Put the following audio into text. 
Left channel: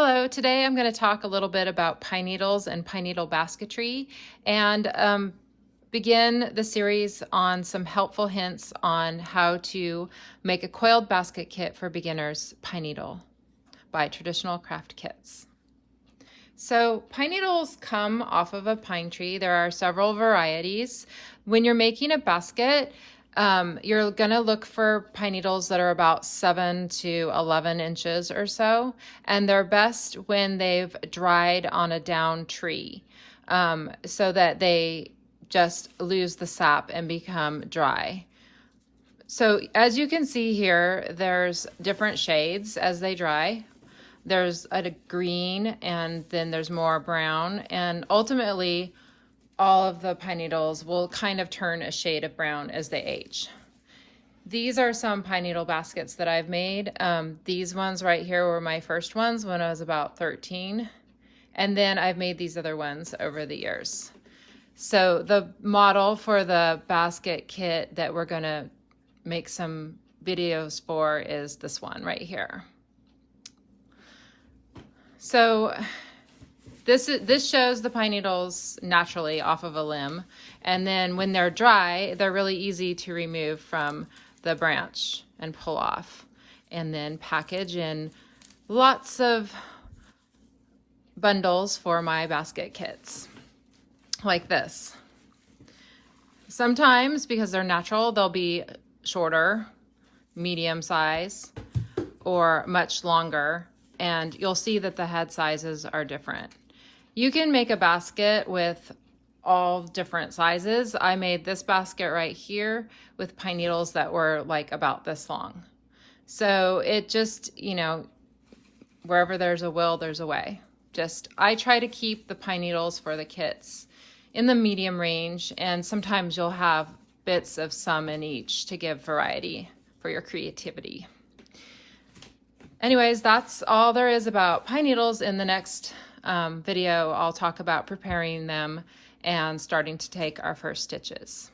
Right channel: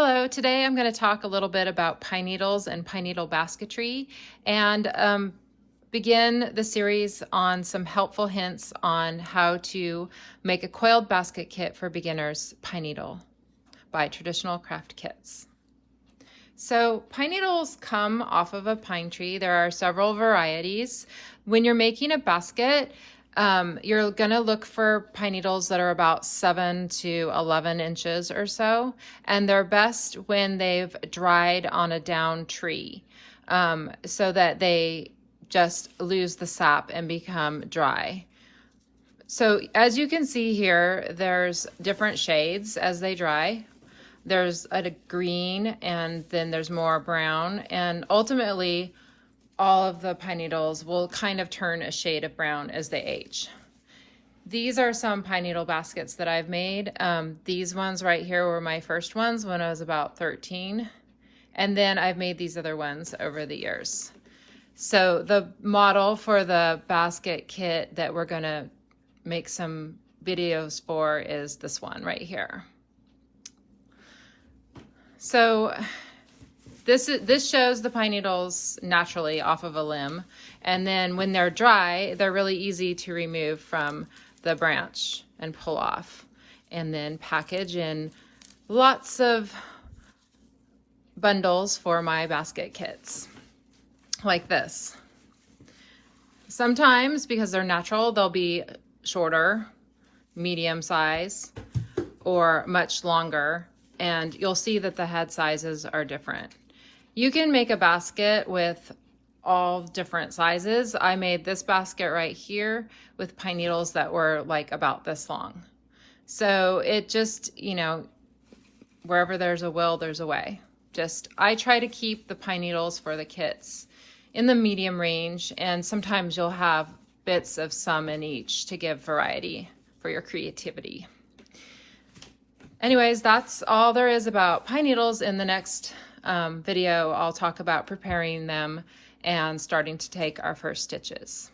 Hello, today I'm going to talk a little bit about pine needles and pine needle basketry and begin the series on some helpful hints on how to make a coiled basket kit for beginners pine needle by Traditional Craft Kits. So pine needles come off of a pine tree. There are several varieties. When you're making a basket, you're going to look for pine needles that are about 7 to 11 inches or so, and they're best when they've dried on a down tree, so that they just lose the sap and become dry. So as you can see here, there's different shades as they dry. There's a green, and then there's more brown, and ultimately all of the pine needles will kind of turn a shade of brown as they age. These are some pine needle baskets that I've made. These ones right here were my first ones when I was about 13. And then I've made these other ones over the years. So the model for the basket kit that we're gonna make some videos for is this one right here. So this shows the pine needles naturally off of a limb, and then when they're dry, they're really easy to remove from the branch and pull off, and then package in lots of bundles for my basket kits, like this. Sometimes, because they're natural, they'll be shorter, medium size, or much longer, and you'll see that the head sizes are different. You can make a basket with all different sizes. I made this basket right here with pine needles that were like about this long. So it just, wherever there's a will, there's a way. I try to keep the pine needles for the kits in the medium range, and sometimes you'll have bits of some in each to give variety for your creativity. Anyways, that's all there is about pine needles. In the next video, I'll talk about preparing them and starting to take our first stitches.